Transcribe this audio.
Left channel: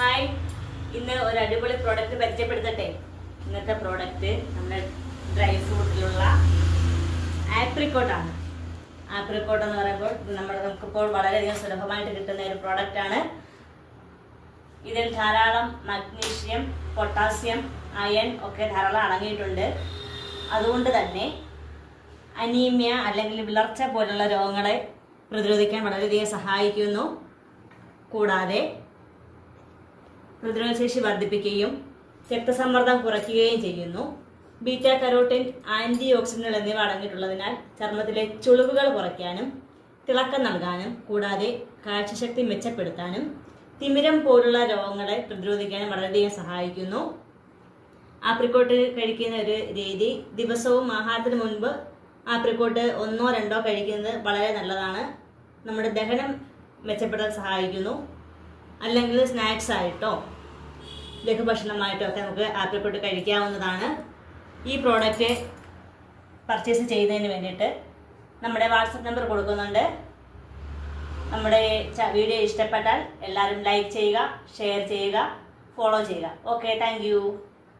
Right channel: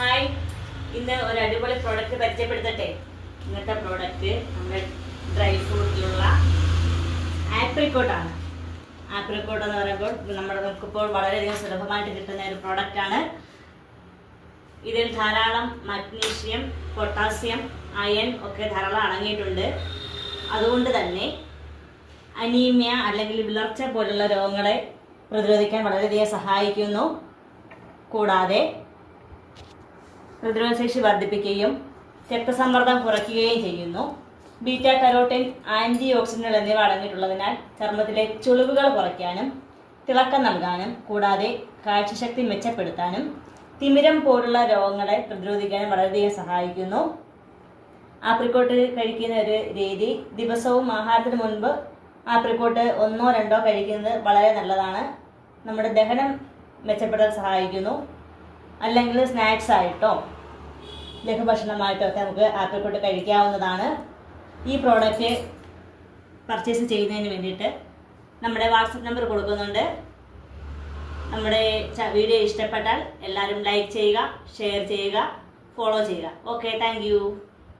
Hi, ഇന്ന് ഒരു അടിപൊളി പ്രോഡക്റ്റ് പരിചയപ്പെടുത്തട്ടെ. ഇന്നത്തെ പ്രോഡക്റ്റ് നമ്മുടെ ഡ്രൈ ഫ്രൂട്ടിലുള്ള ആപ്രിക്കോട്ടാണ്. ആപ്രിക്കോട്ട് എന്ന് പറയുമ്പോൾ നമുക്കിപ്പോൾ വളരെയധികം സുലഭമായിട്ട് കിട്ടുന്ന ഒരു പ്രോഡക്റ്റാണ്. ഇതിൽ ധാരാളം മഗ്നീഷ്യം, പൊട്ടാസ്യം, അയൺ ഒക്കെ ധാരാളം അടങ്ങിയിട്ടുണ്ട്. അതുകൊണ്ട് തന്നെ അനീമിയ അല്ലെങ്കിൽ വിളർച്ച പോലുള്ള രോഗങ്ങളെ പ്രതിരോധിക്കാൻ വളരെയധികം സഹായിക്കുന്നു. കൂടാതെ പ്രതിരോധശേഷി വർദ്ധിപ്പിക്കുകയും രക്തസമ്മർദ്ദം കുറയ്ക്കുകയും ചെയ്യുന്നു. ബീറ്റ കരോട്ടിൻ, ആന്റി ഓക്സിഡന്റുകൾ എന്നിവ അടങ്ങിയിട്ടുള്ളതിനാൽ ചർമ്മത്തിലെ ചുളിവുകൾ കുറയ്ക്കാനും തിളക്കം നൽകാനും കൂടാതെ കാഴ്ചശക്തി മെച്ചപ്പെടുത്താനും തിമിരം പോലുള്ള രോഗങ്ങളെ പ്രതിരോധിക്കാനും വളരെയധികം സഹായിക്കുന്നു. ആപ്രിക്കോട്ട് കഴിക്കുന്ന ഒരു രീതി, ദിവസവും ആഹാരത്തിന് മുൻപ് ആപ്രിക്കോട്ട് 1-2 കഴിക്കുന്നത് വളരെ നല്ലതാണ്. നമ്മുടെ ദഹനം മെച്ചപ്പെടാൻ സഹായിക്കുന്നു. അല്ലെങ്കിൽ സ്നാക്സ് ആയിട്ടോ ലഘുഭക്ഷണമായിട്ടോ ഒക്കെ നമുക്ക് ആപ്രിക്കോട്ട് കഴിക്കാവുന്നതാണ്. ഈ പ്രോഡക്റ്റ് പർച്ചേസ് ചെയ്യുന്നതിന് വേണ്ടിയിട്ട് നമ്മുടെ വാട്സപ്പ് നമ്പർ കൊടുക്കുന്നുണ്ട്. നമ്മുടെ വീഡിയോ ഇഷ്ടപ്പെട്ടാൽ എല്ലാവരും ലൈക്ക് ചെയ്യുക, ഷെയർ ചെയ്യുക, ഫോളോ ചെയ്യുക. Okay, thank you.